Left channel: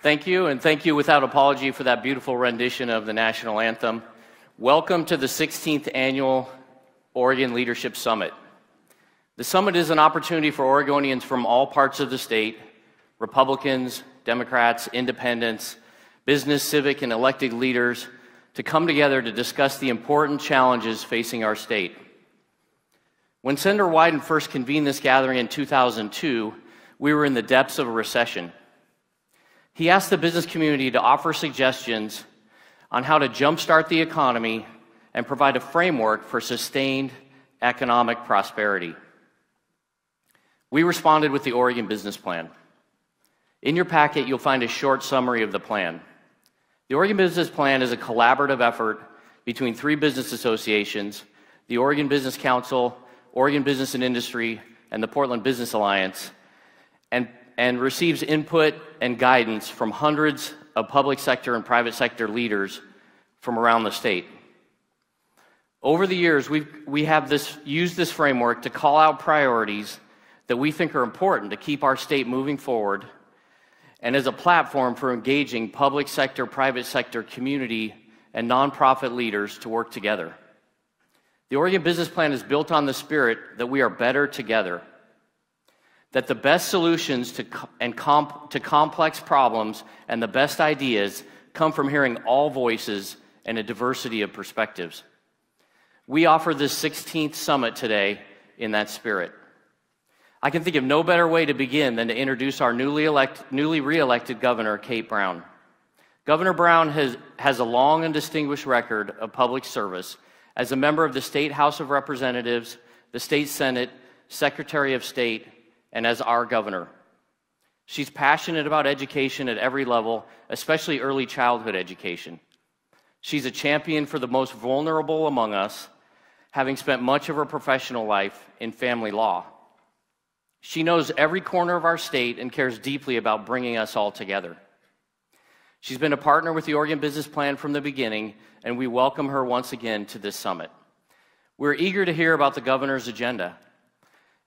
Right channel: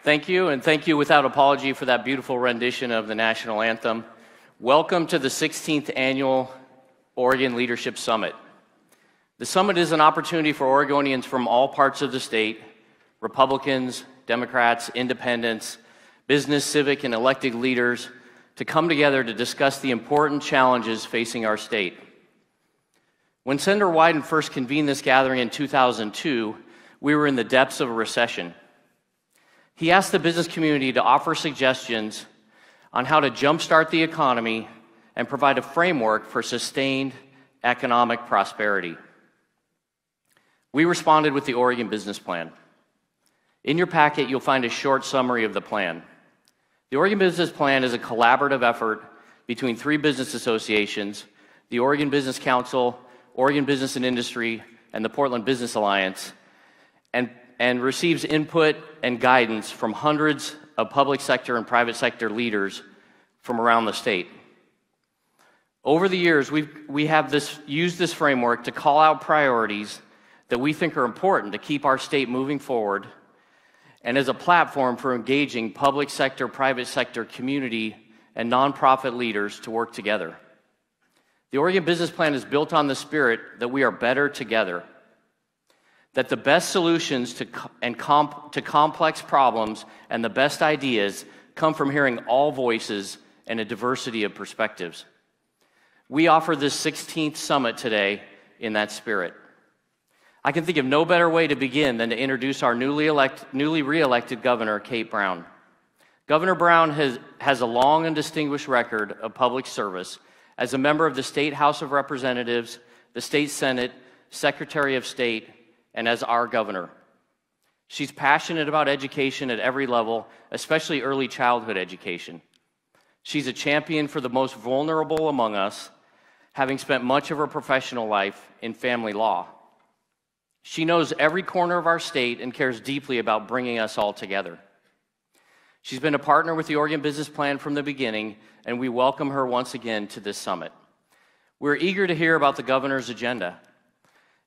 Thank you, and thank you without apology for that beautiful rendition of the national anthem. Welcome to the 16th Annual Oregon Leadership Summit. The summit is an opportunity for Oregonians from all parts of the state, Republicans, Democrats, independents, business, civic, and elected leaders, to come together to discuss the important challenges facing our state. When Senator Wyden first convened this gathering in 2002, we were in the depths of a recession. He asked the business community to offer suggestions on how to jumpstart the economy and provide a framework for sustained economic prosperity. We responded with the Oregon Business Plan. In your packet, you'll find a short summary of the plan. The Oregon Business Plan is a collaborative effort between three business associations, the Oregon Business Council, Oregon Business and Industry, and the Portland Business Alliance, and receives input and guidance from hundreds of public sector and private sector leaders from around the state. Over the years, we have used this framework to call out priorities that we think are important to keep our state moving forward, and as a platform for engaging public sector, private sector, community, and nonprofit leaders to work together. The Oregon Business Plan is built on the spirit that we are better together, that the best solutions to complex problems and the best ideas come from hearing all voices and a diversity of perspectives. We offer this 16th summit today in that spirit. I can think of no better way to begin than to introduce our newly re-elected Governor, Kate Brown. Governor Brown has a long and distinguished record of public service as a member of the State House of Representatives, the State Senate, Secretary of State, and as our governor. She's passionate about education at every level, especially early childhood education. She's a champion for the most vulnerable among us, having spent much of her professional life in family law. She knows every corner of our state and cares deeply about bringing us all together. She's been a partner with the Oregon Business Plan from the beginning, and we welcome her once again to this summit. We're eager to hear about the governor's agenda.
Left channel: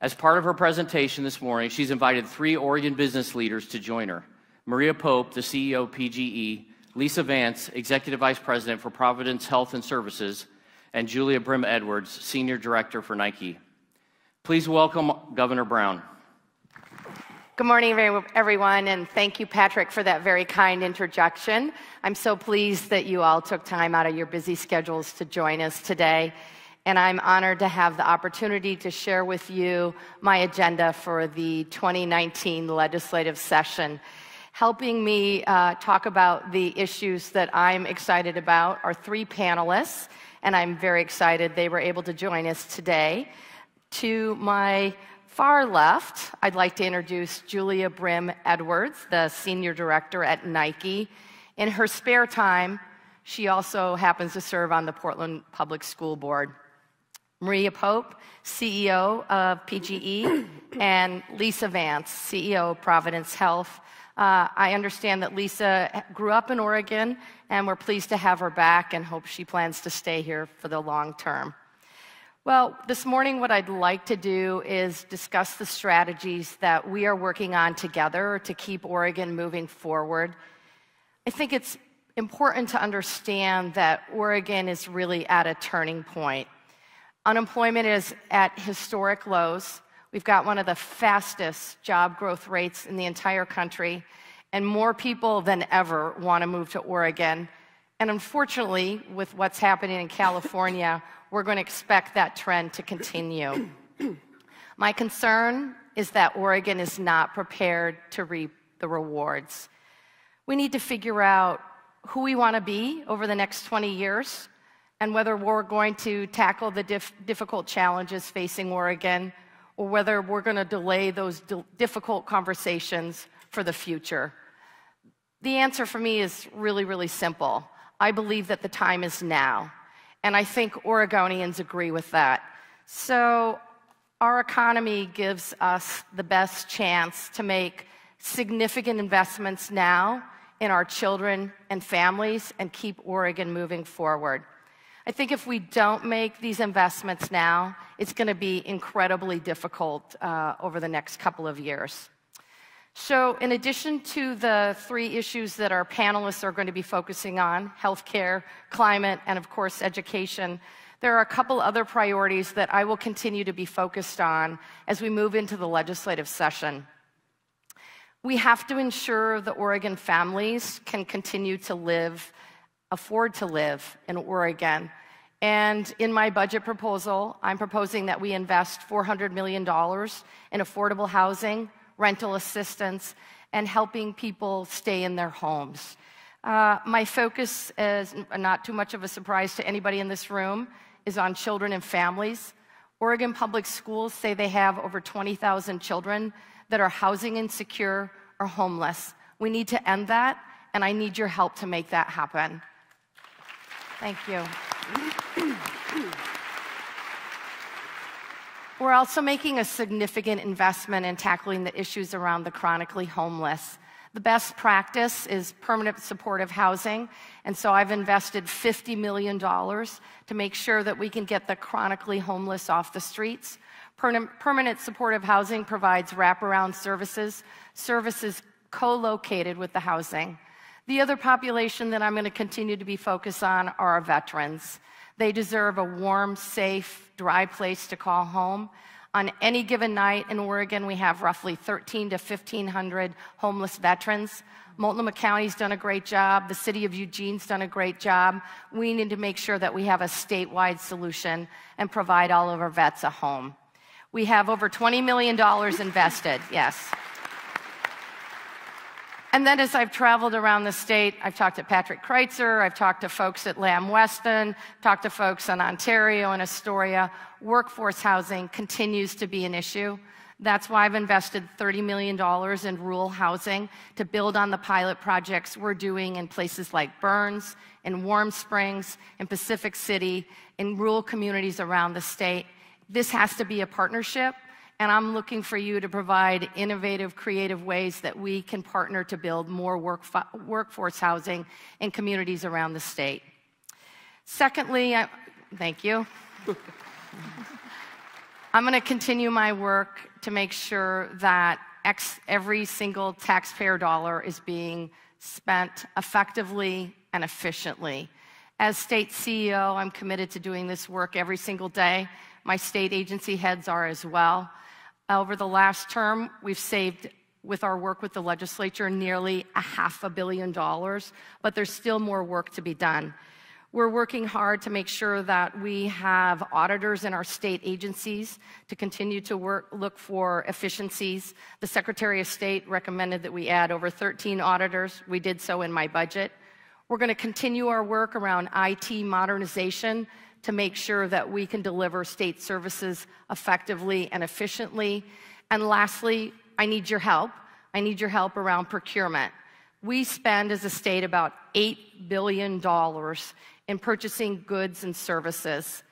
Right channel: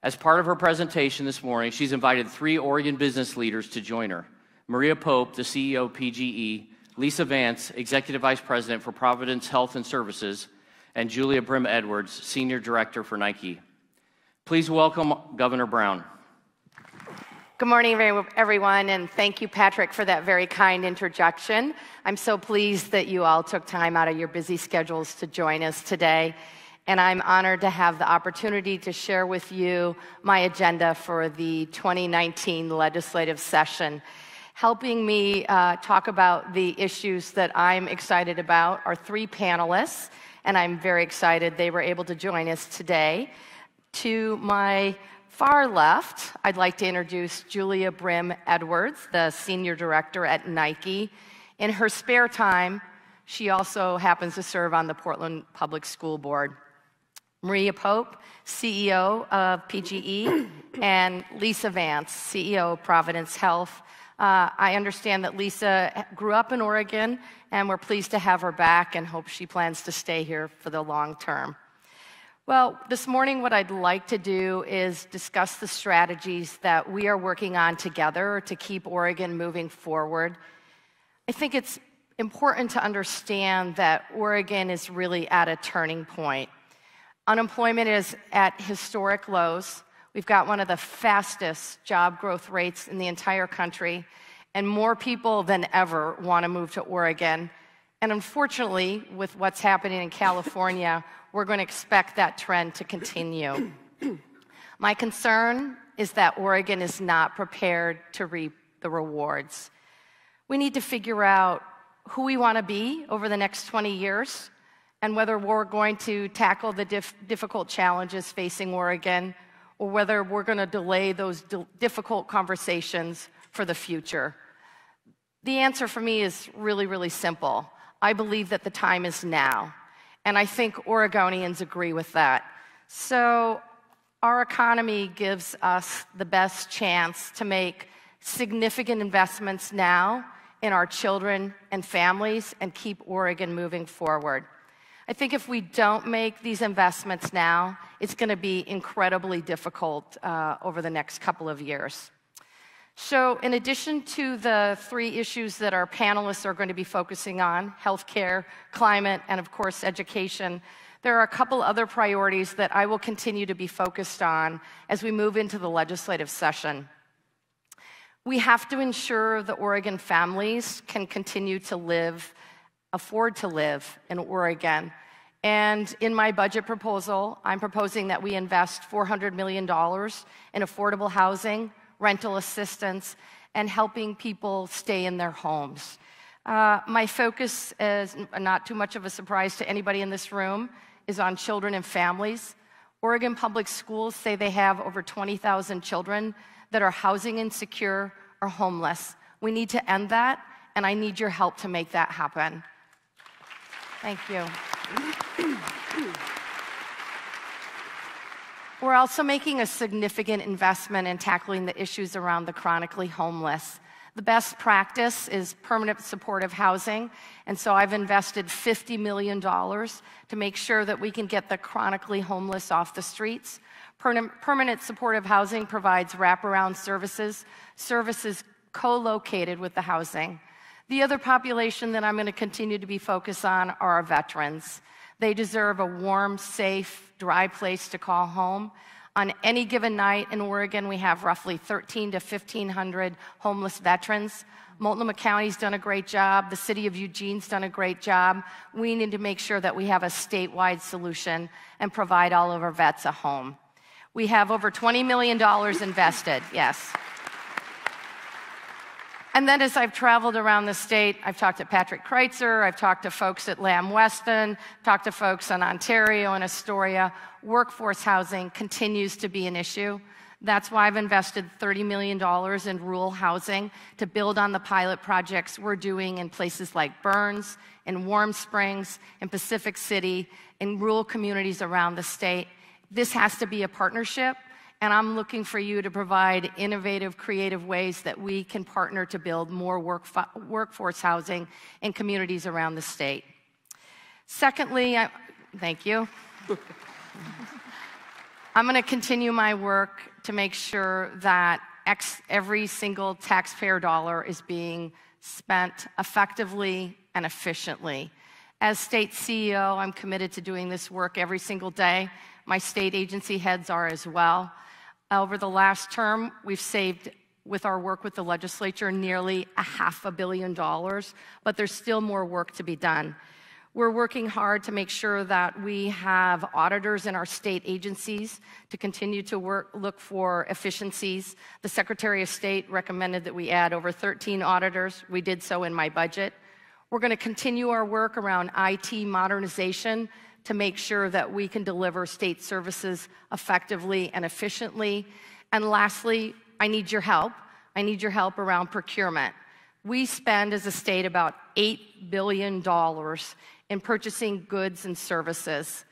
As part of her presentation this morning, she's invited three Oregon business leaders to join her: Maria Pope, the CEO of PGE, Lisa Vance, Executive Vice President for Providence Health Services, and Julia Brim-Edwards, Senior Director for Nike. Please welcome Governor Brown. Good morning, everyone, and thank you, Patrick, for that very kind introduction. I'm so pleased that you all took time out of your busy schedules to join us today, and I'm honored to have the opportunity to share with you my agenda for the 2019 legislative session. Helping me talk about the issues that I'm excited about are three panelists, and I'm very excited they were able to join us today. To my far left, I'd like to introduce Julia Brim-Edwards, the Senior Director at Nike. In her spare time, she also happens to serve on the Portland Public School Board. Maria Pope, CEO of PGE, and Lisa Vance, CEO of Providence Health. I understand that Lisa grew up in Oregon, and we're pleased to have her back and hope she plans to stay here for the long term. Well, this morning what I'd like to do is discuss the strategies that we are working on together to keep Oregon moving forward. I think it's important to understand that Oregon is really at a turning point. Unemployment is at historic lows. We've got one of the fastest job growth rates in the entire country, and more people than ever want to move to Oregon. And unfortunately, with what's happening in California, we're going to expect that trend to continue. My concern is that Oregon is not prepared to reap the rewards. We need to figure out who we want to be over the next 20 years and whether we're going to tackle the difficult challenges facing Oregon or whether we're going to delay those difficult conversations for the future. The answer for me is really, really simple. I believe that the time is now. And I think Oregonians agree with that. So our economy gives us the best chance to make significant investments now in our children and families and keep Oregon moving forward. I think if we don't make these investments now, it's going to be incredibly difficult over the next couple of years. So in addition to the 3 issues that our panelists are going to be focusing on, healthcare, climate, and of course education, there are a couple other priorities that I will continue to be focused on as we move into the legislative session. We have to ensure that Oregon families can continue to afford to live in Oregon. And in my budget proposal, I'm proposing that we invest $400 million in affordable housing, rental assistance, and helping people stay in their homes. My focus, is not too much of a surprise to anybody in this room, is on children and families. Oregon Public Schools say they have over 20,000 children that are housing insecure or homeless. We need to end that, and I need your help to make that happen. Thank you. We're also making a significant investment in tackling the issues around the chronically homeless. The best practice is permanent supportive housing, and so I've invested $50 million to make sure that we can get the chronically homeless off the streets. Permanent supportive housing provides wraparound services co-located with the housing. The other population that I'm going to continue to be focused on are our veterans. They deserve a warm, safe, dry place to call home. On any given night in Oregon, we have roughly 1,300 to 1,500 homeless veterans. Multnomah County's done a great job. The city of Eugene's done a great job. We need to make sure that we have a statewide solution and provide all of our vets a home. We have over $20 million invested, yes. And then as I've traveled around the state, I've talked to Patrick Kreitzer, I've talked to folks at Lamb Weston, talked to folks in Ontario and Astoria. Workforce housing continues to be an issue. That's why I've invested $30 million in rural housing to build on the pilot projects we're doing in places like Burns, in Warm Springs, in Pacific City, in rural communities around the state. This has to be a partnership. And I'm looking for you to provide innovative, creative ways that we can partner to build more workforce housing in communities around the state. Secondly, thank you. I'm going to continue my work to make sure that every single taxpayer dollar is being spent effectively and efficiently. As state CEO, I'm committed to doing this work every single day. My state agency heads are as well. Over the last term, we've saved, with our work with the legislature, nearly $500 million, but there's still more work to be done. We're working hard to make sure that we have auditors in our state agencies to continue to look for efficiencies. The Secretary of State recommended that we add over 13 auditors. We did so in my budget. We're going to continue our work around IT modernization to make sure that we can deliver state services effectively and efficiently. And lastly, I need your help. I need your help around procurement. We spend as a state about $8 billion in purchasing goods and services.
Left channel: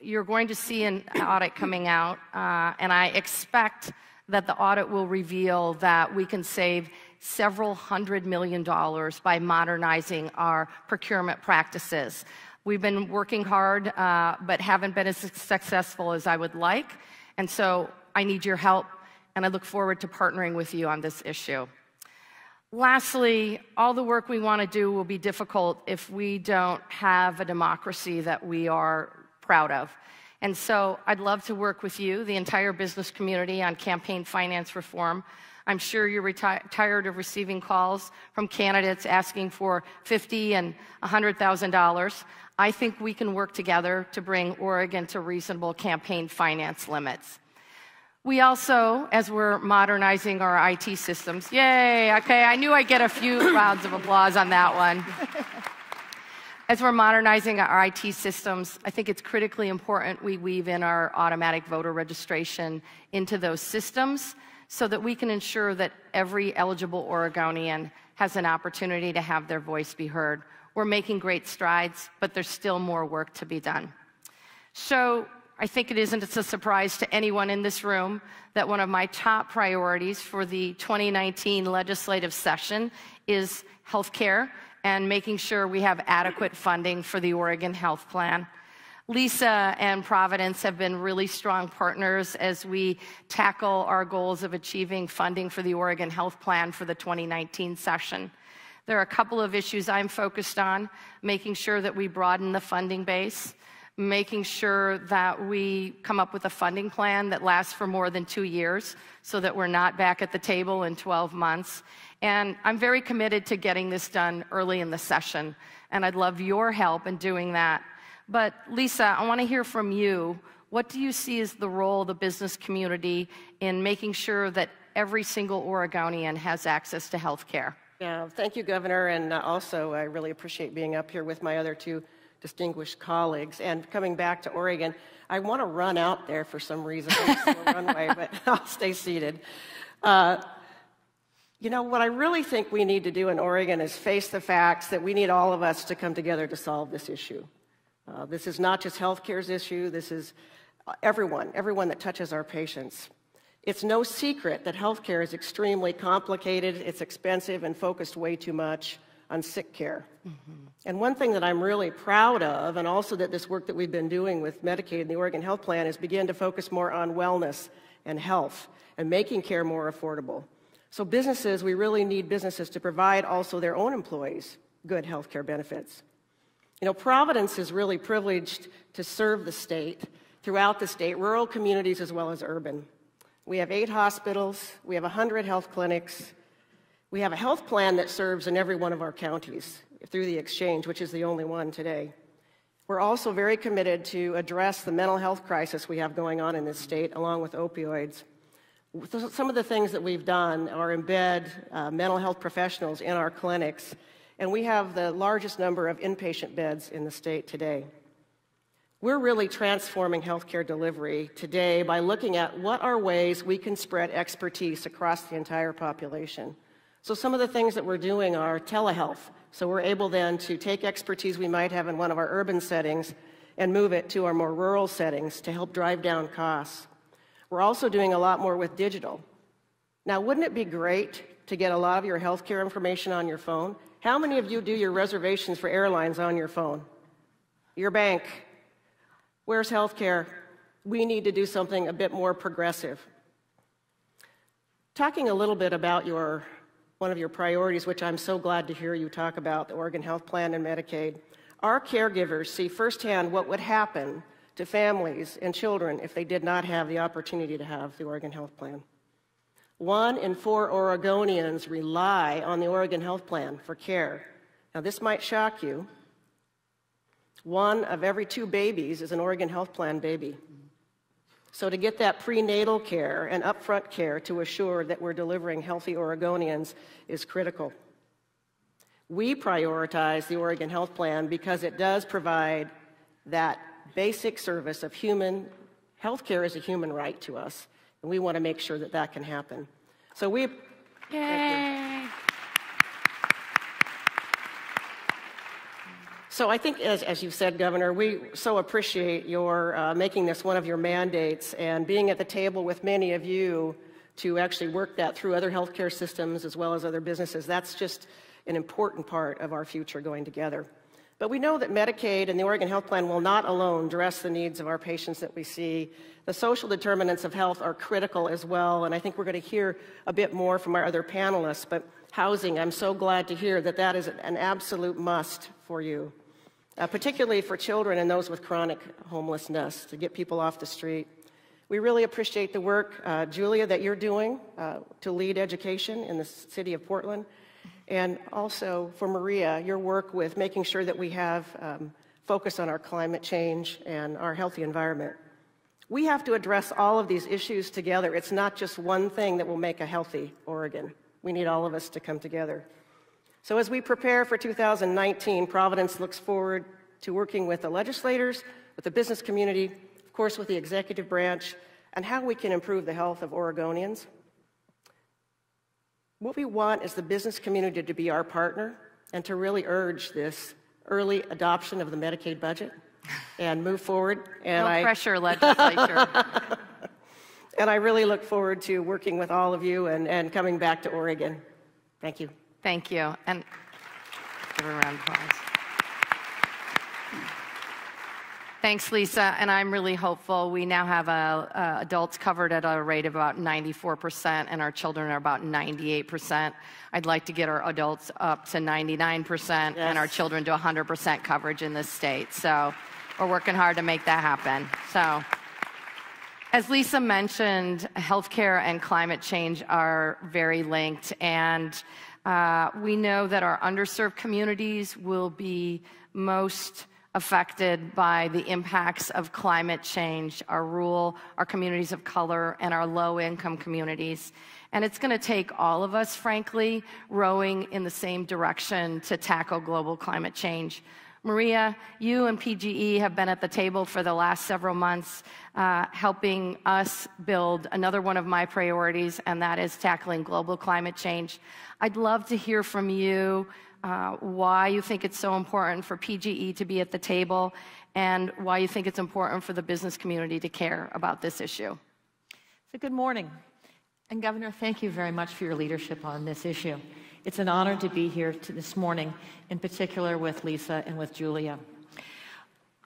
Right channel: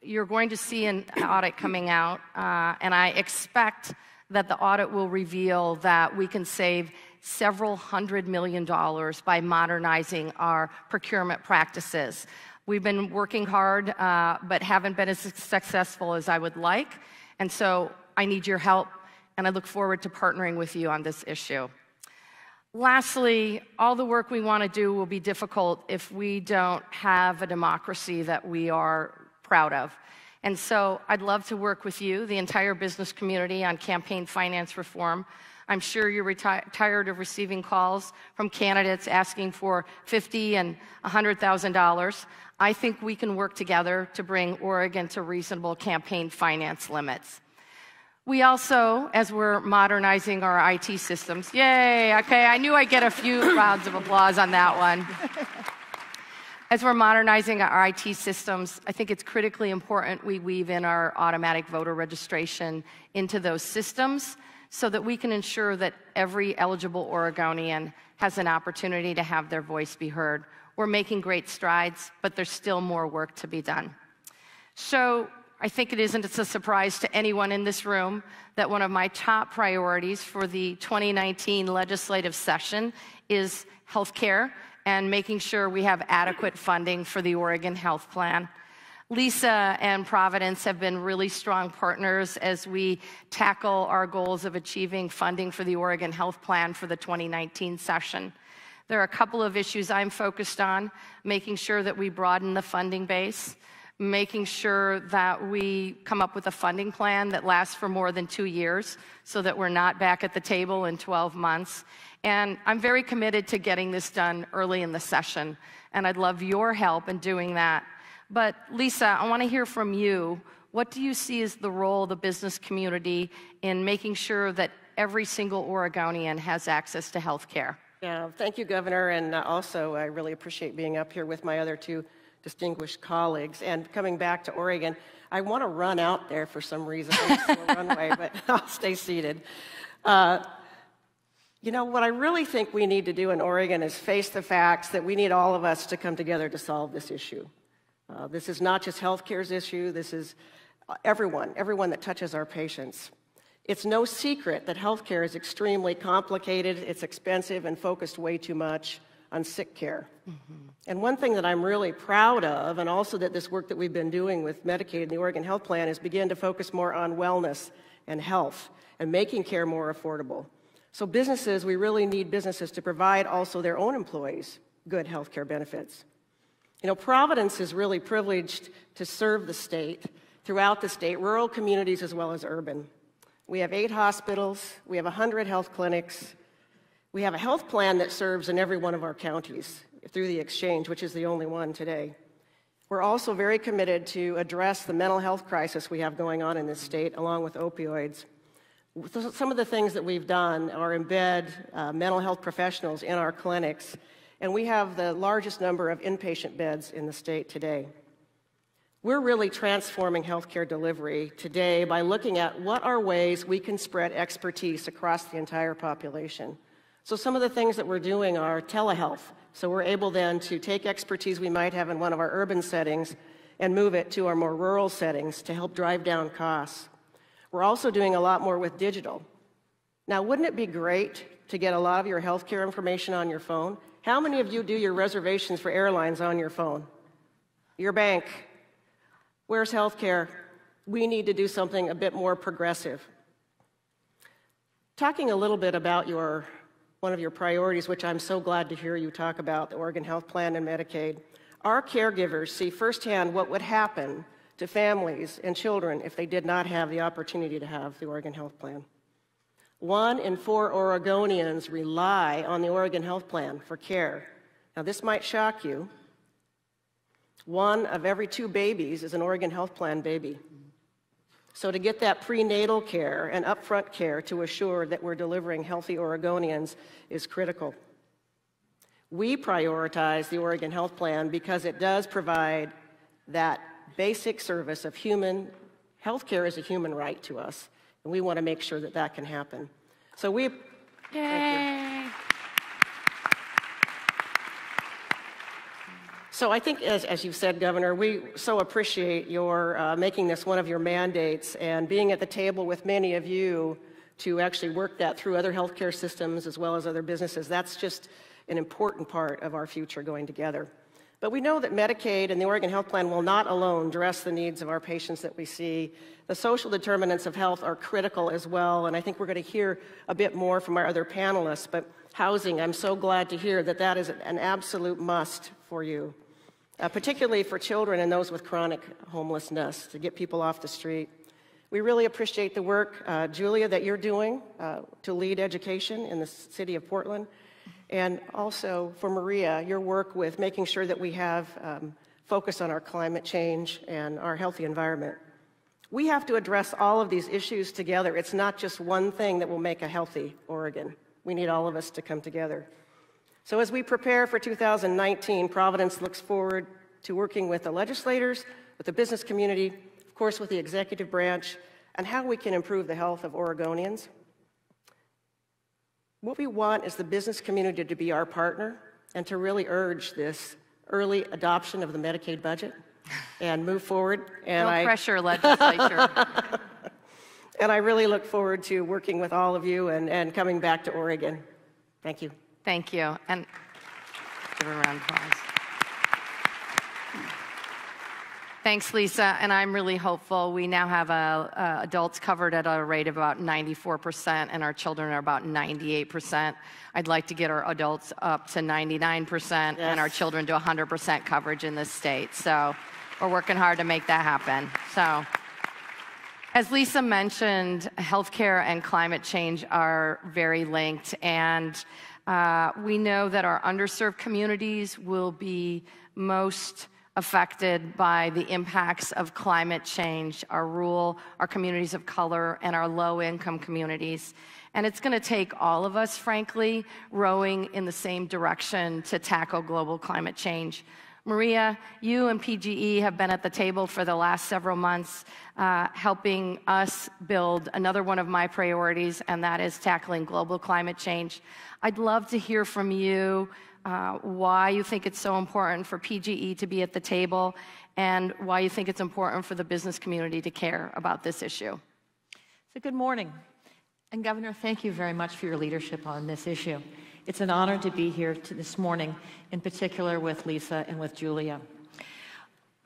You're going to see an audit coming out, and I expect that the audit will reveal that we can save several $100 million by modernizing our procurement practices. We've been working hard, but haven't been as successful as I would like. And so I need your help, and I look forward to partnering with you on this issue. Lastly, all the work we want to do will be difficult if we don't have a democracy that we are proud of. And so I'd love to work with you, the entire business community, on campaign finance reform. I'm sure you're tired of receiving calls from candidates asking for $50,000 and $100,000. I think we can work together to bring Oregon to reasonable campaign finance limits. We also, as we're modernizing our IT systems, yay, okay, I knew I'd get a few rounds of applause on that one. As we're modernizing our IT systems, I think it's critically important we weave in our automatic voter registration into those systems so that we can ensure that every eligible Oregonian has an opportunity to have their voice be heard. We're making great strides, but there's still more work to be done. So I think it's a surprise to anyone in this room that one of my top priorities for the 2019 legislative session is healthcare and making sure we have adequate funding for the Oregon Health Plan. Lisa and Providence have been really strong partners as we tackle our goals of achieving funding for the Oregon Health Plan for the 2019 session. There are a couple of issues I'm focused on: making sure that we broaden the funding base, making sure that we come up with a funding plan that lasts for more than 2 years so that we're not back at the table in 12 months. And I'm very committed to getting this done early in the session, and I'd love your help in doing that. But Lisa, I want to hear from you. What do you see as the role of the business community in making sure that every single Oregonian has access to health care? Yeah, thank you, Governor, and also I really appreciate being up here with my other two distinguished colleagues. And coming back to Oregon, I want to run out there for some reason. I'm still runway, but I'll stay seated. You know, what I really think we need to do in Oregon is face the facts that we need all of us to come together to solve this issue. This is not just healthcare's issue. This is everyone that touches our patients. It's no secret that healthcare is extremely complicated, it's expensive, and focused way too much on sick care. And one thing that I'm really proud of, and also that this work that we've been doing with Medicaid and the Oregon Health Plan, is begin to focus more on wellness and health and making care more affordable. So businesses, we really need businesses to provide also their own employees good health care benefits. You know, Providence is really privileged to serve the state, throughout the state, rural communities as well as urban. We have 8 hospitals, we have 100 health clinics, we have a health plan that serves in every one of our counties through the exchange, which is the only one today. We're also very committed to address the mental health crisis we have going on in this state, along with opioids. Some of the things that we've done are embed mental health professionals in our clinics, and we have the largest number of inpatient beds in the state today. We're really transforming healthcare delivery today by looking at what are ways we can spread expertise across the entire population. So some of the things that we're doing are telehealth. So we're able then to take expertise we might have in one of our urban settings and move it to our more rural settings to help drive down costs. We're also doing a lot more with digital. Now, wouldn't it be great to get a lot of your healthcare information on your phone? How many of you do your reservations for airlines on your phone? Your bank? Where's healthcare? We need to do something a bit more progressive. Talking a little bit about one of your priorities, which I'm so glad to hear you talk about, the Oregon Health Plan and Medicaid. Our caregivers see firsthand what would happen to families and children if they did not have the opportunity to have the Oregon Health Plan. 1 in 4 Oregonians rely on the Oregon Health Plan for care. Now, this might shock you. 1 of every 2 babies is an Oregon Health Plan baby. So to get that prenatal care and upfront care to assure that we're delivering healthy Oregonians is critical. We prioritize the Oregon Health Plan because it does provide that basic service of healthcare is a human right to us. And we want to make sure that that can happen. So Yay! So I think, as you've said, Governor, we so appreciate your making this one of your mandates and being at the table with many of you to actually work that through other healthcare systems as well as other businesses. That's just an important part of our future going together. But we know that Medicaid and the Oregon Health Plan will not alone address the needs of our patients that we see. The social determinants of health are critical as well, and I think we're going to hear a bit more from our other panelists. But housing, I'm so glad to hear that that is an absolute must for you, particularly for children and those with chronic homelessness, to get people off the street. We really appreciate the work, Julia, that you're doing to lead education in the city of Portland. And also for Maria, your work with making sure that we have focus on our climate change and our healthy environment. We have to address all of these issues together. It's not just one thing that will make a healthy Oregon. We need all of us to come together. So as we prepare for 2019, Providence looks forward to working with the legislators, with the business community, of course with the executive branch, and how we can improve the health of Oregonians. What we want is the business community to be our partner and to really urge this early adoption of the Medicaid budget and move forward. And no pressure, legislature. And I really look forward to working with all of you and coming back to Oregon. Thank you. Thank you. And give a round of applause. Thanks, Lisa, and I'm really hopeful. We now have adults covered at a rate of about 94%, and our children are about 98%. I'd like to get our adults up to 99% and our children to 100% coverage in this state. So we're working hard to make that happen. So, as Lisa mentioned, healthcare and climate change are very linked, and we know that our underserved communities will be most affected by the impacts of climate change, our rural, our communities of color, and our low-income communities. And it's going to take all of us, frankly, rowing in the same direction to tackle global climate change. Maria, you and PGE have been at the table for the last several months, helping us build another one of my priorities, and that is tackling global climate change. I'd love to hear from you why you think it's so important for PGE to be at the table, and why you think it's important for the business community to care about this issue. So good morning. And Governor, thank you very much for your leadership on this issue. It's an honor to be here this morning, in particular with Lisa and with Julia.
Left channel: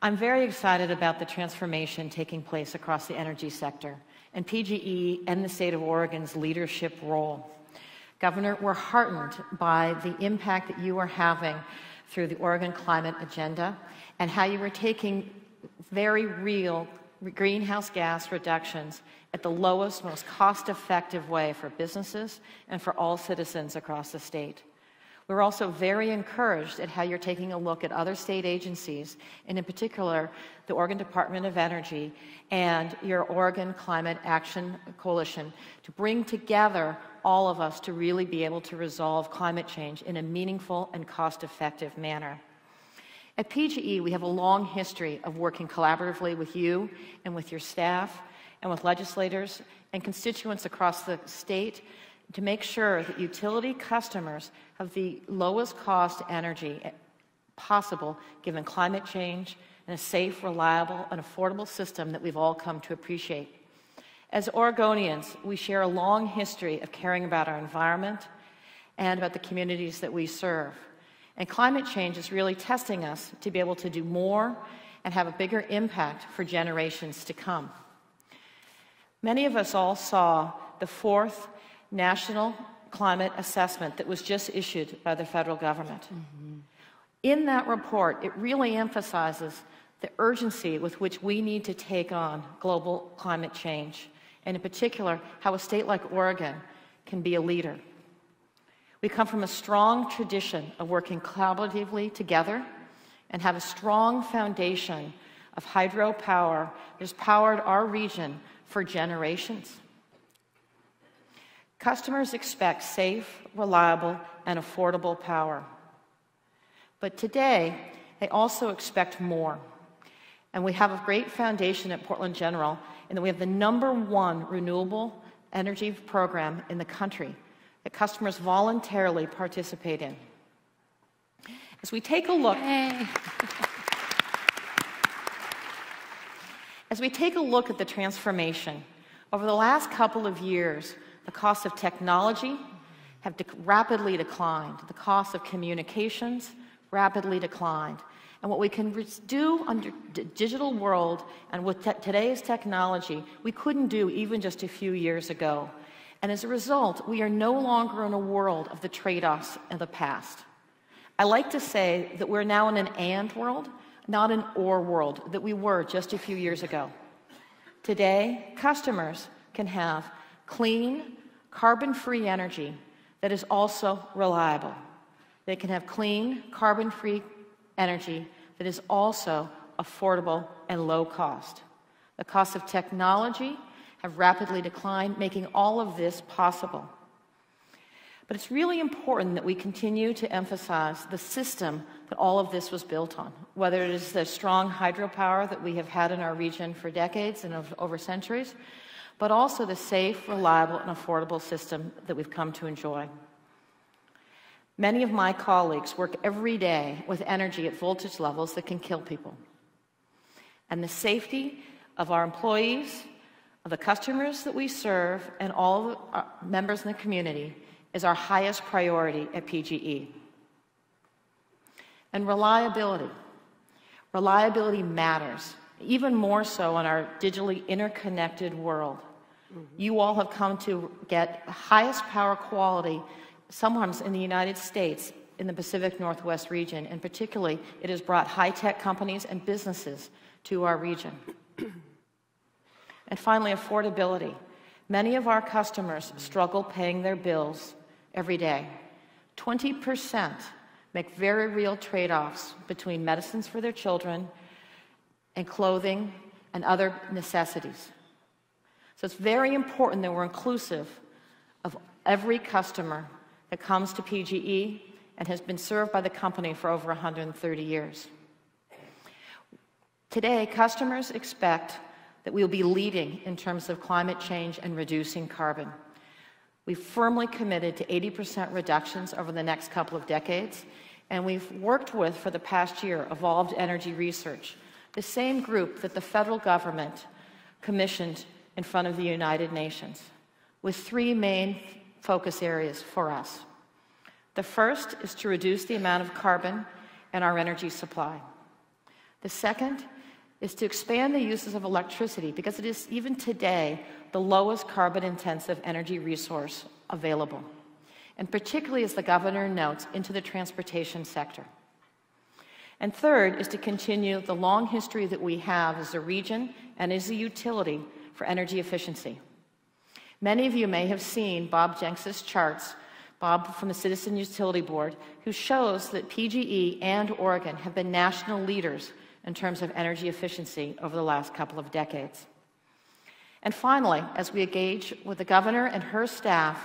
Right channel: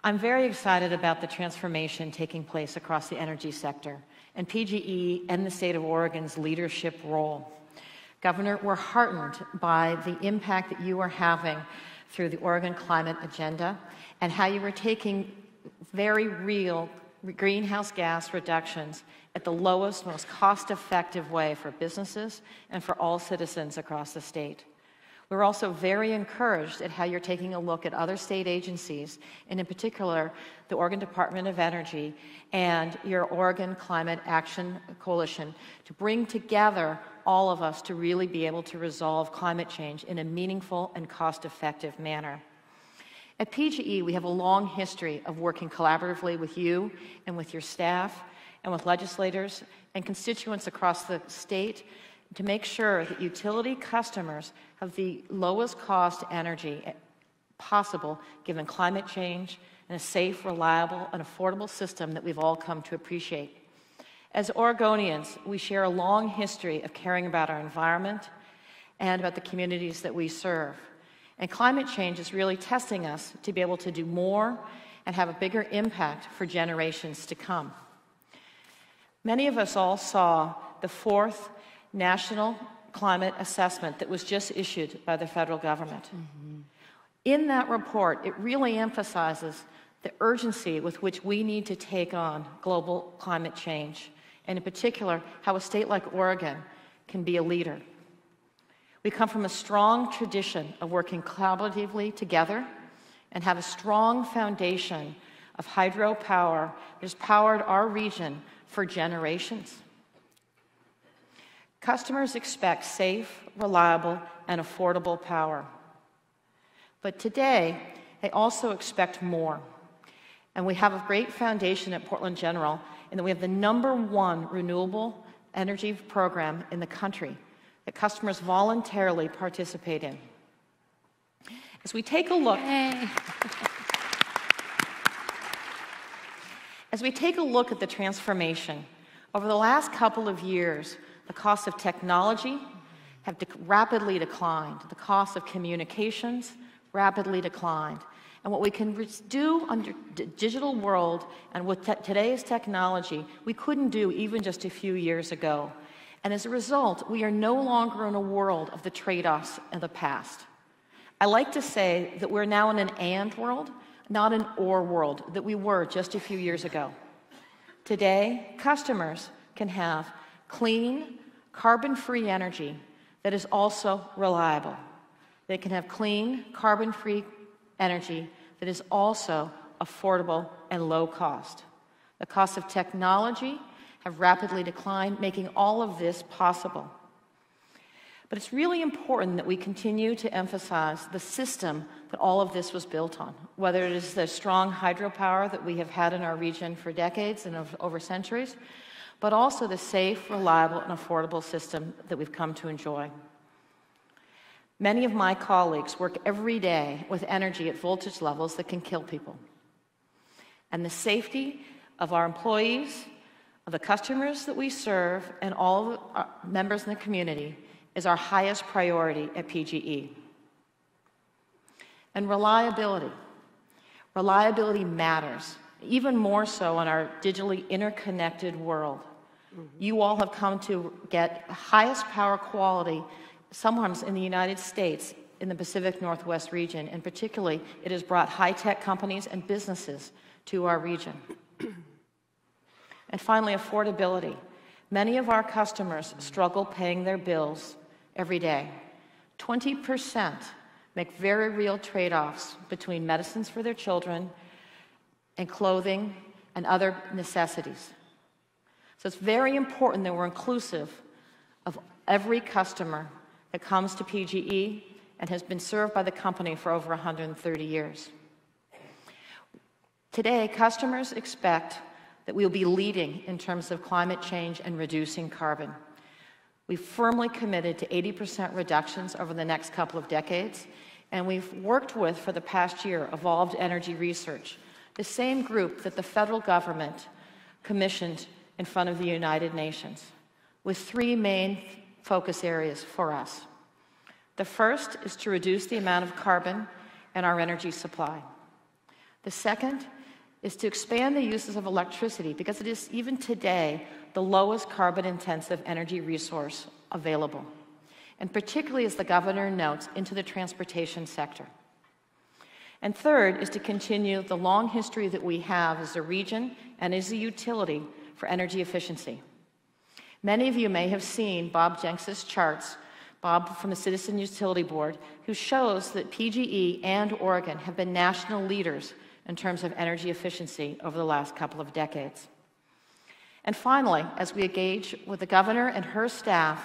I'm very excited about the transformation taking place across the energy sector and PGE and the state of Oregon's leadership role. Governor, we're heartened by the impact that you are having through the Oregon Climate Agenda and how you are taking very real greenhouse gas reductions at the lowest, most cost-effective way for businesses and for all citizens across the state. We're also very encouraged at how you're taking a look at other state agencies, and in particular, the Oregon Department of Energy and your Oregon Climate Action Coalition, to bring together all of us to really be able to resolve climate change in a meaningful and cost-effective manner. At PGE, we have a long history of working collaboratively with you and with your staff and with legislators and constituents across the state to make sure that utility customers have the lowest cost energy possible given climate change and a safe, reliable, and affordable system that we've all come to appreciate. As Oregonians, we share a long history of caring about our environment and about the communities that we serve. And climate change is really testing us to be able to do more and have a bigger impact for generations to come. Many of us all saw the 4th National Climate Assessment that was just issued by the federal government. Mm-hmm. In that report, it really emphasizes the urgency with which we need to take on global climate change, and in particular, how a state like Oregon can be a leader. We come from a strong tradition of working collaboratively together and have a strong foundation of hydropower that has powered our region for generations. Customers expect safe, reliable, and affordable power. But today, they also expect more. And we have a great foundation at Portland General in that we have the #1 renewable energy program in the country that customers voluntarily participate in. As we take a look, at the transformation, over the last couple of years, the cost of technology have rapidly declined. The cost of communications rapidly declined. And what we can do under the digital world and with today's technology, we couldn't do even just a few years ago. And as a result, we are no longer in a world of the trade-offs of the past. I like to say that we're now in an and world, not an or world, that we were just a few years ago. Today, customers can have clean, carbon-free energy that is also reliable. They can have clean, carbon-free energy that is also affordable and low cost. The cost of technology have rapidly declined, making all of this possible. But it's really important that we continue to emphasize the system that all of this was built on, whether it is the strong hydropower that we have had in our region for decades and over centuries, but also the safe, reliable, and affordable system that we've come to enjoy. Many of my colleagues work every day with energy at voltage levels that can kill people. And the safety of our employees, of the customers that we serve, and all of our members in the community is our highest priority at PGE. And reliability. Reliability matters. even more so in our digitally interconnected world. You all have come to get the highest power quality, sometimes in the United States, in the Pacific Northwest region, and particularly it has brought high-tech companies and businesses to our region. And finally, affordability. Many of our customers struggle paying their bills every day. 20% make very real trade-offs between medicines for their children and clothing and other necessities. So it's very important that we're inclusive of every customer that comes to PGE and has been served by the company for over 130 years. Today, customers expect that we'll be leading in terms of climate change and reducing carbon. We've firmly committed to 80% reductions over the next couple of decades, and we've worked with, for the past year, Evolved Energy Research, the same group that the federal government commissioned in front of the United Nations, with three main focus areas for us. The first is to reduce the amount of carbon in our energy supply. The second is to expand the uses of electricity, because it is, even today, the lowest carbon-intensive energy resource available, and particularly, as the governor notes, into the transportation sector. And third is to continue the long history that we have as a region and as a utility for energy efficiency. Many of you may have seen Bob Jenks's charts, Bob from the Citizen Utility Board, who shows that PGE and Oregon have been national leaders in terms of energy efficiency over the last couple of decades. And finally, as we engage with the governor and her staff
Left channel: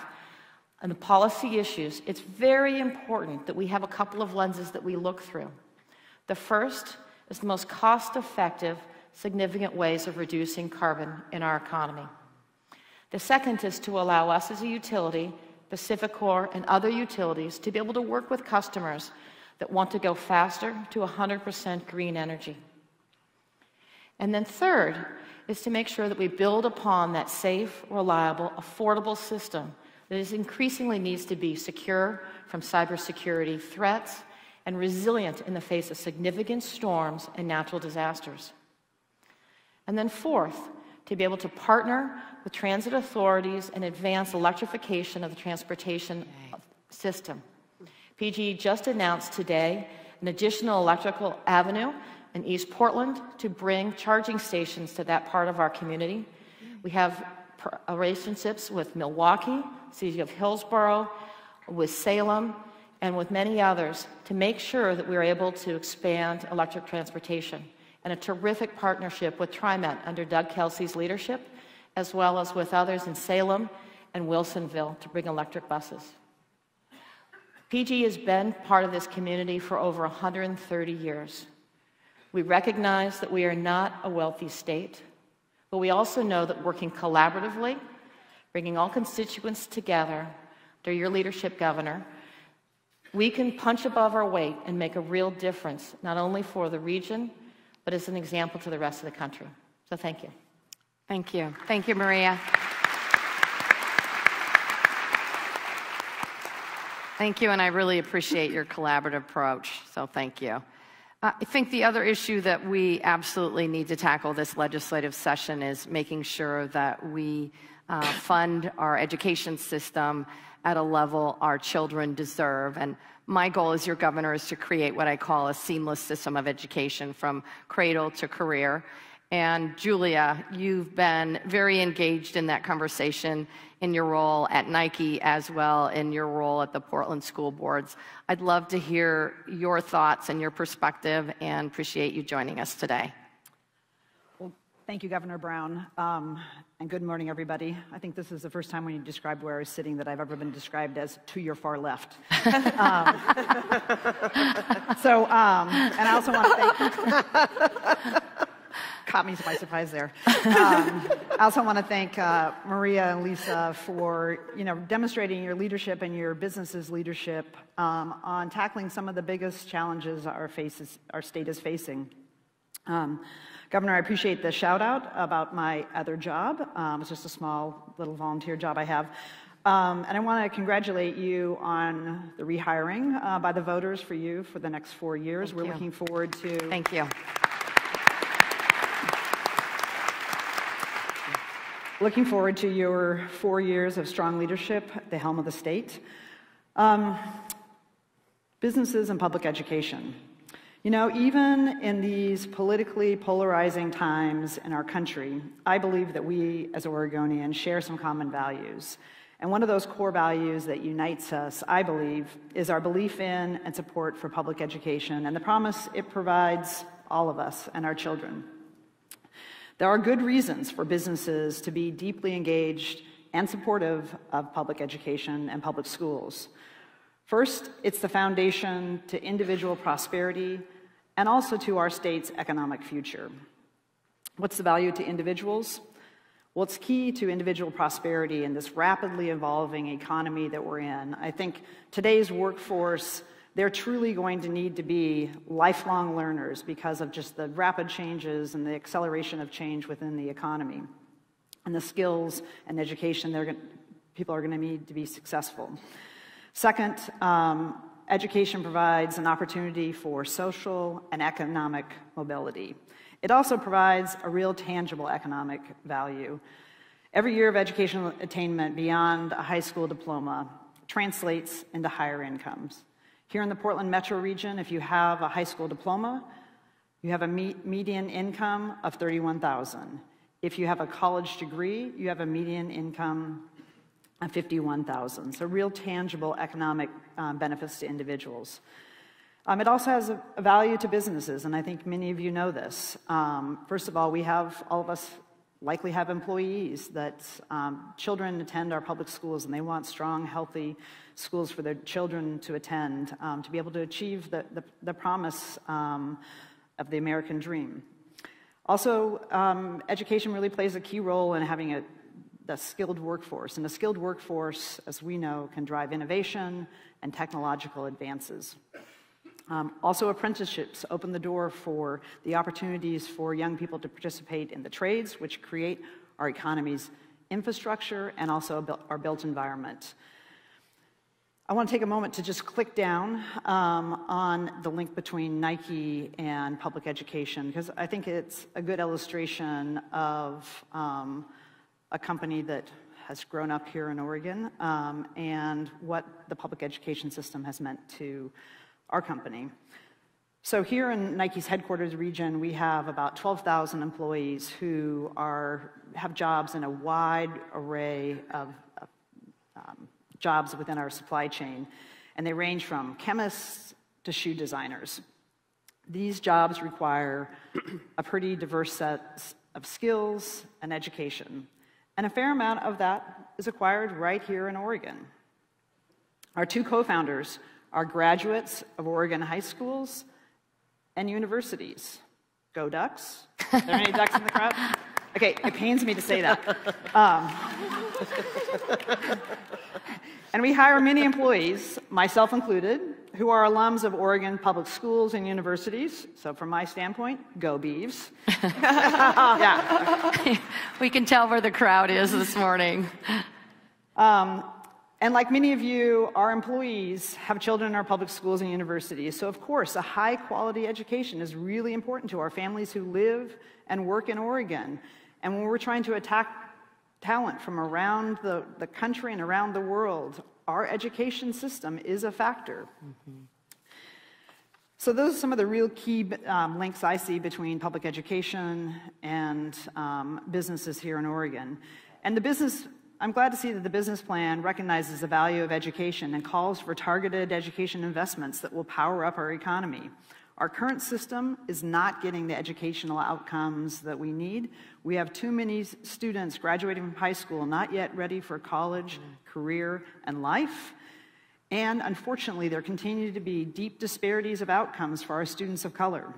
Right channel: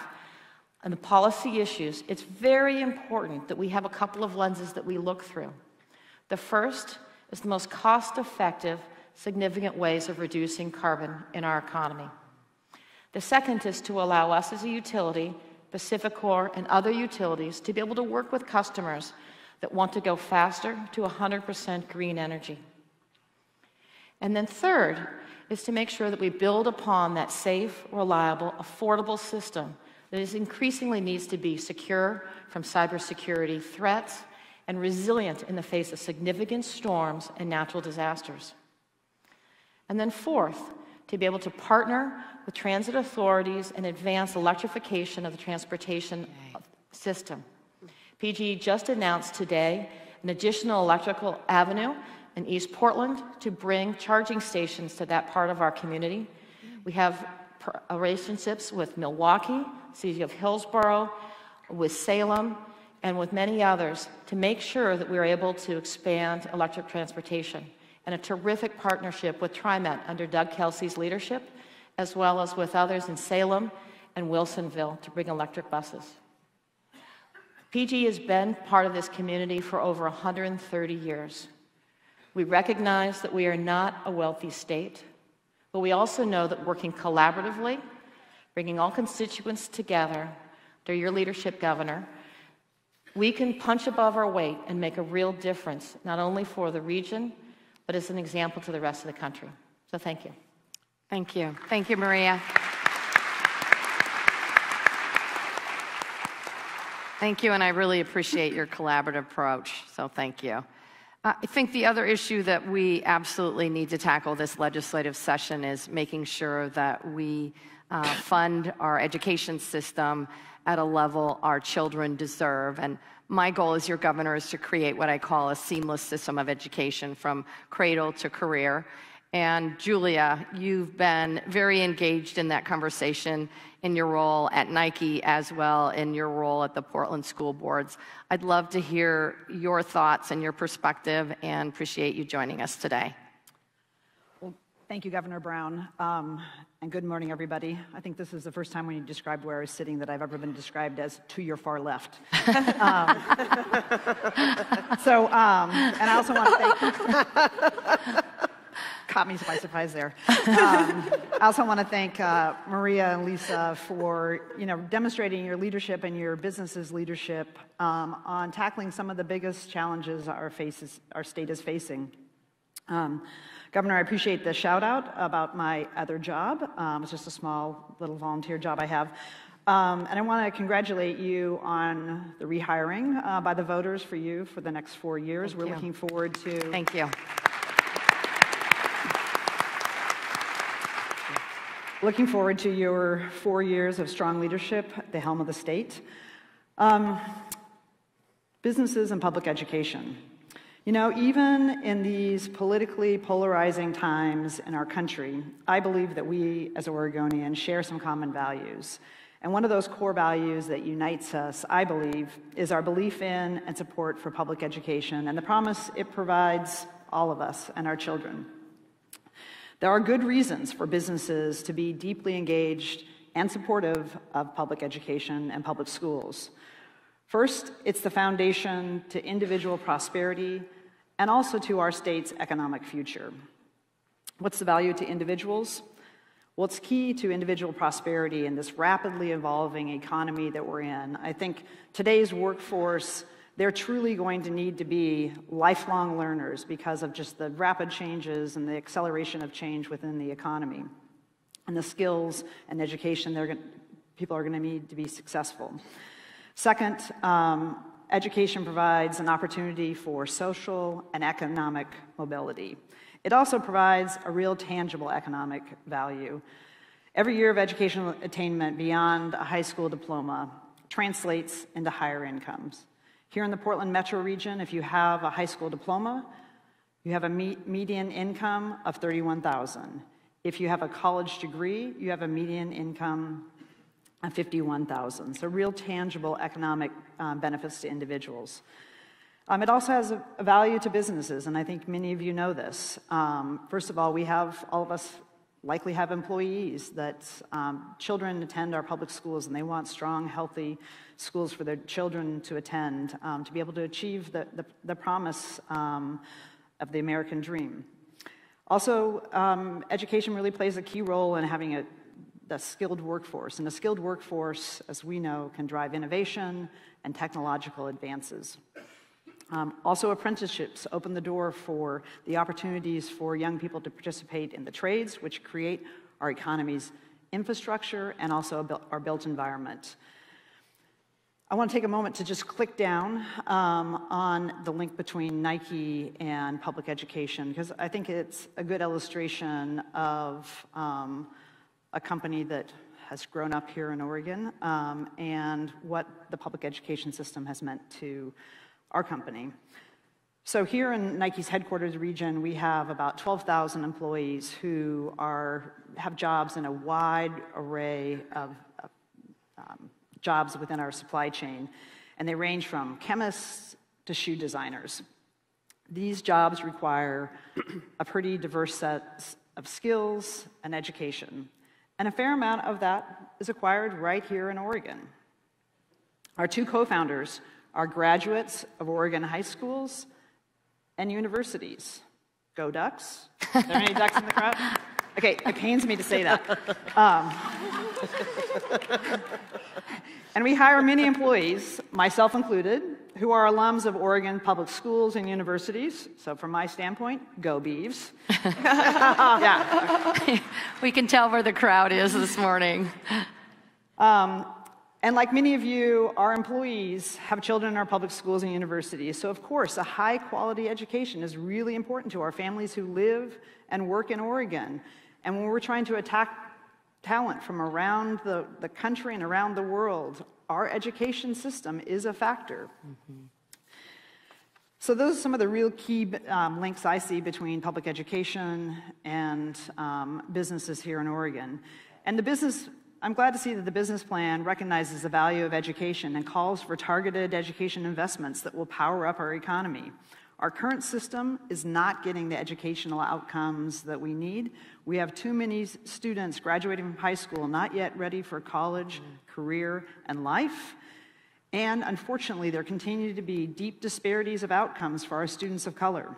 on the policy issues, it's very important that we have a couple of lenses that we look through. The first is the most cost-effective, significant ways of reducing carbon in our economy. The second is to allow us as a utility, PacifiCorp and other utilities, to be able to work with customers that want to go faster to 100% green energy. And then third is to make sure that we build upon that safe, reliable, affordable system that is increasingly needs to be secure from cybersecurity threats and resilient in the face of significant storms and natural disasters. And then fourth, to be able to partner with transit authorities and advance electrification of the transportation system. PGE just announced today an additional electrical avenue in East Portland to bring charging stations to that part of our community. We have relationships with Milwaukee, City of Hillsborough, with Salem, and with many others to make sure that we're able to expand electric transportation. And a terrific partnership with TriMet under Doug Kelsey's leadership, as well as with others in Salem and Wilsonville to bring electric buses. PG has been part of this community for over 130 years. We recognize that we are not a wealthy state, but we also know that working collaboratively, bringing all constituents together under your leadership, Governor, we can punch above our weight and make a real difference, not only for the region, but as an example to the rest of the country. So thank you. Thank you. Thank you, Maria. Thank you, and I really appreciate your collaborative approach, so thank you. I think the other issue that we absolutely need to tackle this legislative session is making sure that we fund our education system at a level our children deserve. And my goal as your governor is to create what I call a seamless system of education from cradle to career. And Julia, you've been very engaged in that conversation in your role at Nike as well in your role at the Portland School Boards. I'd love to hear your thoughts and your perspective and appreciate you joining us today. Well, thank you, Governor Brown, and good morning, everybody. I think this is the first time when you described where I was sitting that I've ever been described as to your far left. And I also want to thank... Caught me by surprise there. I also want to thank Maria and Lisa for demonstrating your leadership and your business's leadership on tackling some of the biggest challenges our state is facing. Governor, I appreciate the shout out about my other job. It's just a small little volunteer job I have. And I want to congratulate you on the rehiring by the voters for you for the next 4 years. We're looking forward to... Thank you. Looking forward to your 4 years of strong leadership at the helm of the state. Businesses and public education. You know, even in these politically polarizing times in our country, I believe that we as Oregonians share some common values. And one of those core values that unites us, I believe, is our belief in and support for public education and the promise it provides all of us and our children. There are good reasons for businesses to be deeply engaged and supportive of public education and public schools. First, it's the foundation to individual prosperity and also to our state's economic future. What's the value to individuals? Well, it's key to individual prosperity in this rapidly evolving economy that we're in. I think today's workforce, they're truly going to need to be lifelong learners because of just the rapid changes and the acceleration of change within the economy and the skills and education people are going to need to be successful. Second, education provides an opportunity for social and economic mobility. It also provides a real tangible economic value. Every year of educational attainment beyond a high school diploma translates into higher incomes. Here in the Portland metro region, if you have a high school diploma, you have a median income of $31,000. If you have a college degree, you have a median income of $51,000. So real tangible economic benefits to individuals. It also has a value to businesses, and I think many of you know this. First of all, all of us likely have employees that children attend our public schools, and they want strong, healthy schools for their children to attend to be able to achieve the promise of the American dream. Also, education really plays a key role in having a skilled workforce, and a skilled workforce, as we know, can drive innovation and technological advances. Also, apprenticeships open the door for the opportunities for young people to participate in the trades, which create our economy's infrastructure and also our built environment. I want to take a moment to just click down on the link between Nike and public education, because I think it's a good illustration of a company that has grown up here in Oregon and what the public education system has meant to our company. So here in Nike's headquarters region, we have about 12,000 employees who have jobs in a wide array of jobs within our supply chain, and they range from chemists to shoe designers. These jobs require a pretty diverse set of skills and education, and a fair amount of that is acquired right here in Oregon. Our two co-founders are graduates of Oregon high schools and universities. Go Ducks. Are there any Ducks in the crowd? Okay, it pains me to say that. And we hire many employees, myself included, who are alums of Oregon public schools and universities. So from my standpoint, go Beavs. Yeah. We can tell where the crowd is this morning. And like many of you, our employees have children in our public schools and universities. So of course, a high quality education is really important to our families who live and work in Oregon. And when we're trying to attract talent from around the country and around the world, our education system is a factor. Mm-hmm. So those are some of the real key links I see between public education and businesses here in Oregon. And I'm glad to see that the business plan recognizes the value of education and calls for targeted education investments that will power up our economy. Our current system is not getting the educational outcomes that we need. We have too many students graduating from high school not yet ready for college, career, and life. And unfortunately, there continue to be deep disparities of outcomes for our students of color.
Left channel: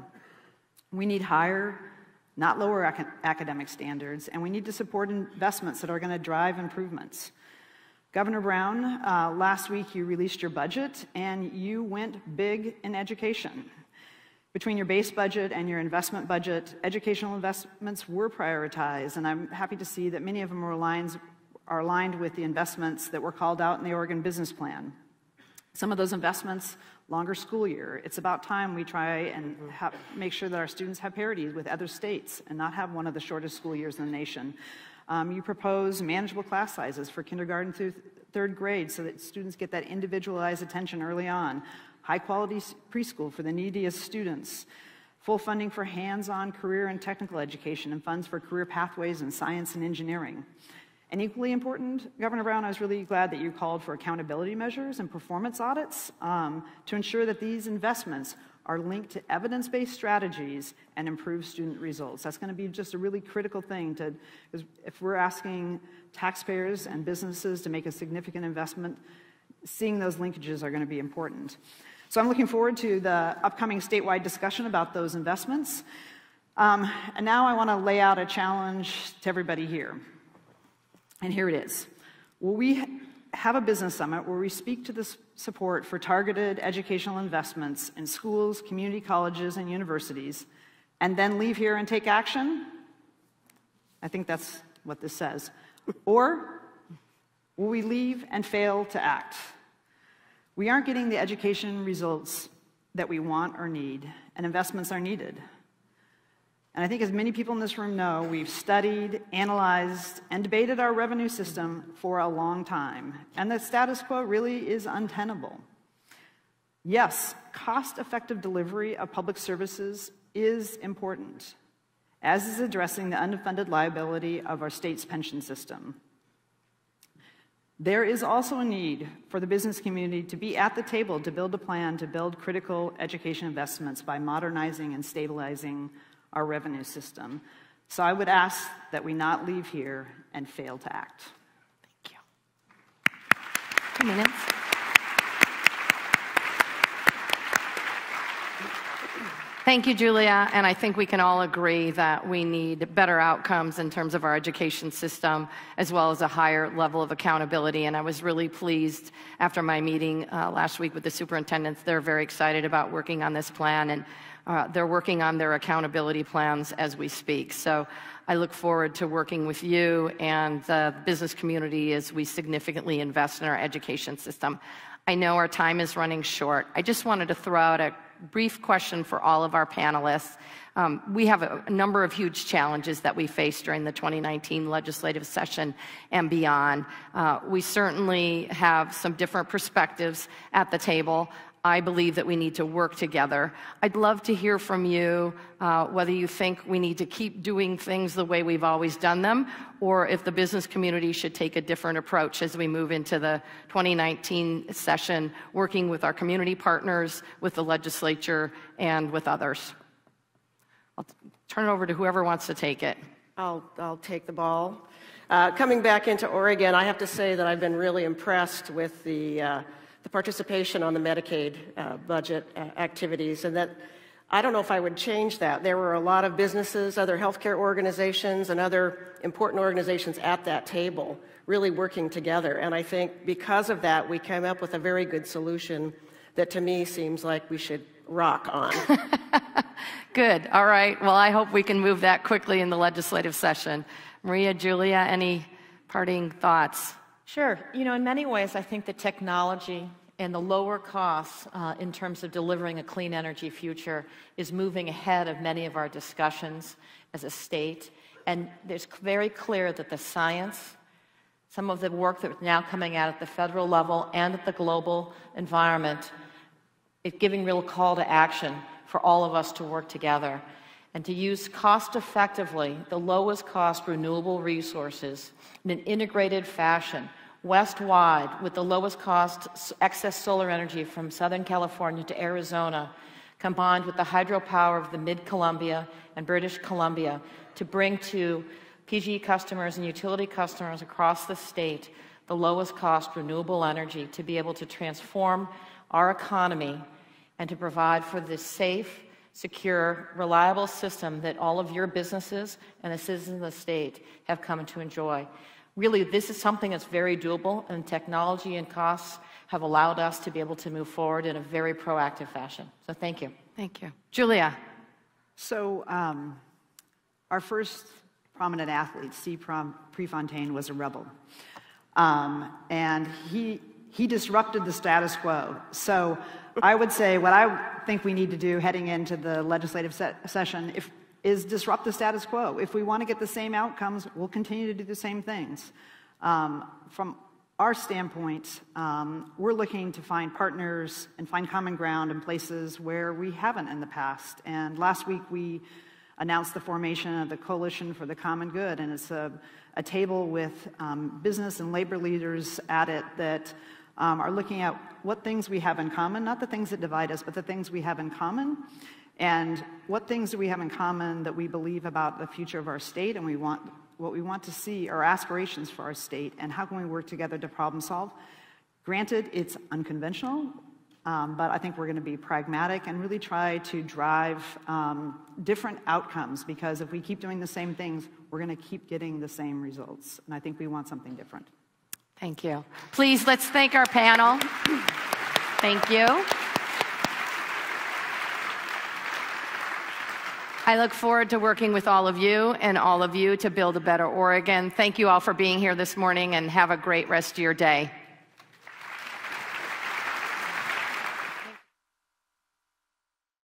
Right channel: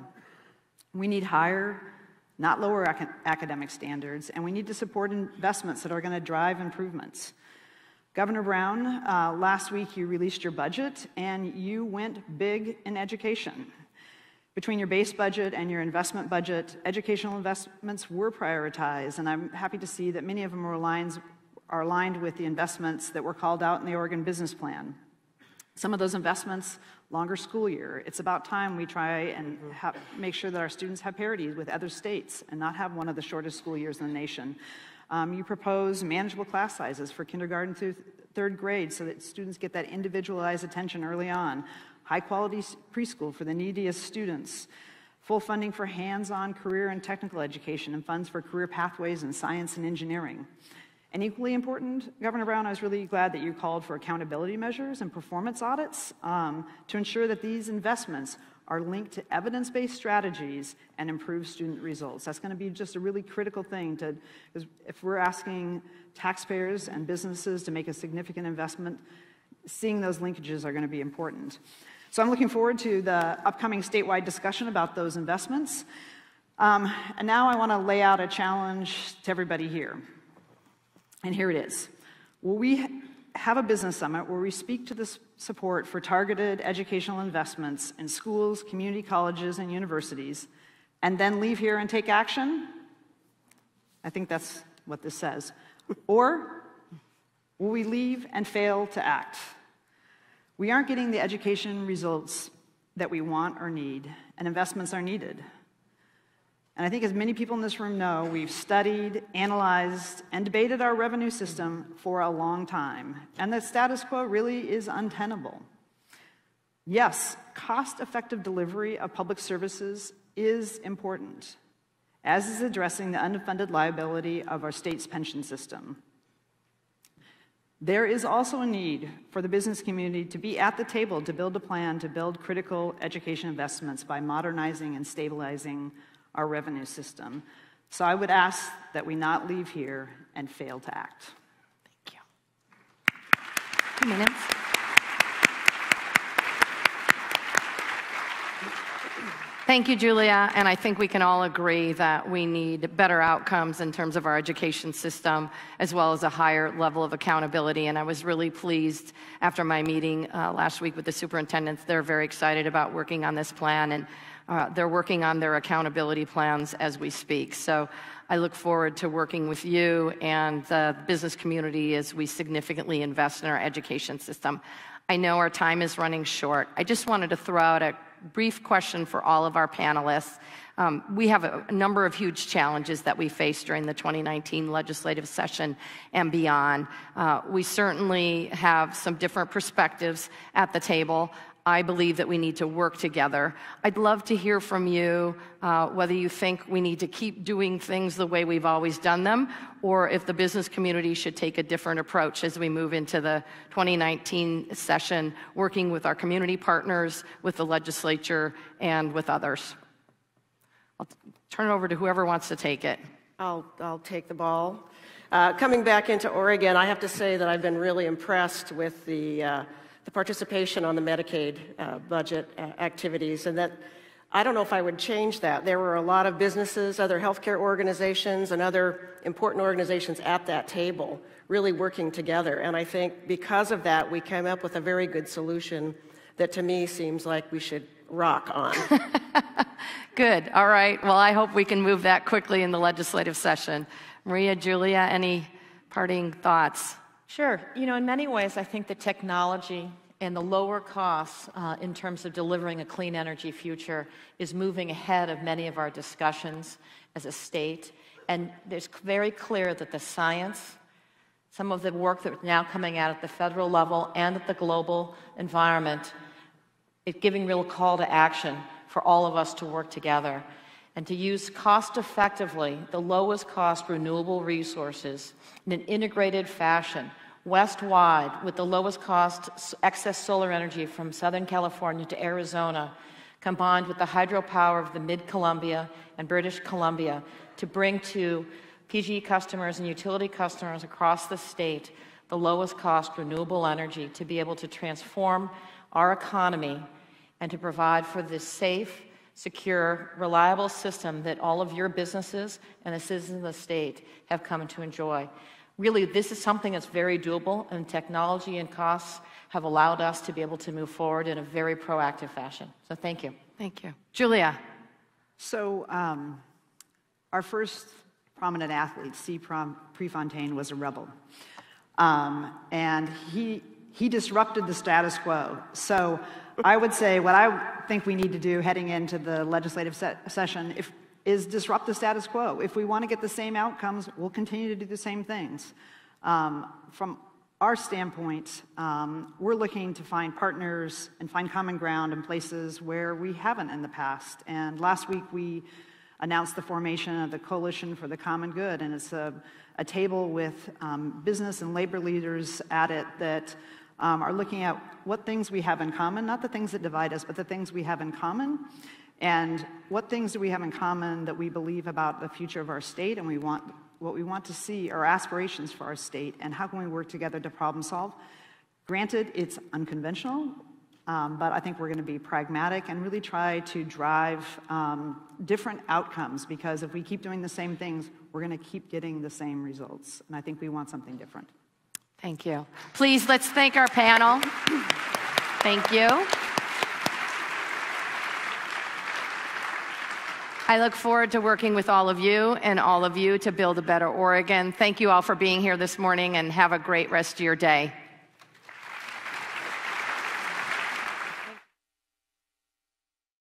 We need higher, not lower academic standards, and we need to support investments that are going to drive improvements. Governor Brown, last week you released your budget, and you went big in education. Between your base budget and your investment budget, educational investments were prioritized, and I'm happy to see that many of them are aligned with the investments that were called out in the Oregon Business Plan. Some of those investments, longer school year. It's about time we try and make sure that our students have parity with other states and not have one of the shortest school years in the nation. You propose manageable class sizes for kindergarten through third grade so that students get that individualized attention early on. High quality preschool for the neediest students. Full funding for hands-on career and technical education and funds for career pathways in science and engineering. And equally important, Governor Brown, I was really glad that you called for accountability measures and performance audits to ensure that these investments are linked to evidence-based strategies and improve student results. That's going to be just a really critical thing if we're asking taxpayers and businesses to make a significant investment, seeing those linkages are going to be important. So I'm looking forward to the upcoming statewide discussion about those investments. And now I want to lay out a challenge to everybody here. And here it is. Will we have a business summit where we speak to the support for targeted educational investments in schools, community colleges, and universities, and then leave here and take action? I think that's what this says. Or will we leave and fail to act? We aren't getting the education results that we want or need, and investments are needed. And I think as many people in this room know, we've studied, analyzed, and debated our revenue system for a long time, and the status quo really is untenable. Yes, cost-effective delivery of public services is important, as is addressing the unfunded liability of our state's pension system. There is also a need for the business community to be at the table to build a plan to build critical education investments by modernizing and stabilizing our revenue system. So I would ask that we not leave here and fail to act. Thank you. 2 minutes. Thank you, Julia, and I think we can all agree that we need better outcomes in terms of our education system, as well as a higher level of accountability. And I was really pleased after my meeting last week with the superintendents. They're very excited about working on this plan, and they're working on their accountability plans as we speak. So I look forward to working with you and the business community as we significantly invest in our education system. I know our time is running short. I just wanted to throw out a brief question for all of our panelists. We have a number of huge challenges that we face during the 2019 legislative session and beyond. We certainly have some different perspectives at the table. I believe that we need to work together. I'd love to hear from you whether you think we need to keep doing things the way we've always done them, or if the business community should take a different approach as we move into the 2019 session, working with our community partners, with the legislature, and with others. I'll turn it over to whoever wants to take it. I'll take the ball. Coming back into Oregon, I have to say that I've been really impressed with the participation on the Medicaid budget activities, and that I don't know if I would change that. There were a lot of businesses, other healthcare organizations, and other important organizations at that table really working together. And I think because of that, we came up with a very good solution that to me seems like we should rock on. Good. All right. Well, I hope we can move that quickly in the legislative session. Maria, Julia, any parting thoughts? Sure. You know, in many ways, I think the technology and the lower costs in terms of delivering a clean energy future is moving ahead of many of our discussions as a state. And there's very clear that the science, some of the work that's now coming out at the federal level and at the global environment, it's giving real call to action for all of us to work together and to use cost-effectively the lowest cost renewable resources in an integrated fashion, west-wide, with the lowest cost excess solar energy from Southern California to Arizona, combined with the hydropower of the Mid-Columbia and British Columbia, to bring to PG customers and utility customers across the state the lowest cost renewable energy to be able to transform our economy and to provide for this safe, secure, reliable system that all of your businesses and the citizens of the state have come to enjoy. Really, this is something that's very doable, and technology and costs have allowed us to be able to move forward in a very proactive fashion. So thank you. Thank you. Julia. So our first prominent athlete, Steve Prefontaine, was a rebel. And he disrupted the status quo. So I would say what I think we need to do heading into the legislative session, is disrupt the status quo. If we want to get the same outcomes, we'll continue to do the same things. From our standpoint, we're looking to find partners and find common ground in places where we haven't in the past. And last week we announced the formation of the Coalition for the Common Good, and it's a table with business and labor leaders at it that are looking at what things we have in common, not the things that divide us, but the things we have in common, and what things do we have in common that we believe about the future of our state, and what we want to see are aspirations for our state, and how can we work together to problem solve. Granted, it's unconventional, but I think we're going to be pragmatic and really try to drive different outcomes, because if we keep doing the same things, we're going to keep getting the same results, and I think we want something different. Thank you. Please, let's thank our panel. Thank you. I look forward to working with all of you and all of you to build a better Oregon. Thank you all for being here this morning, and have a great rest of your day.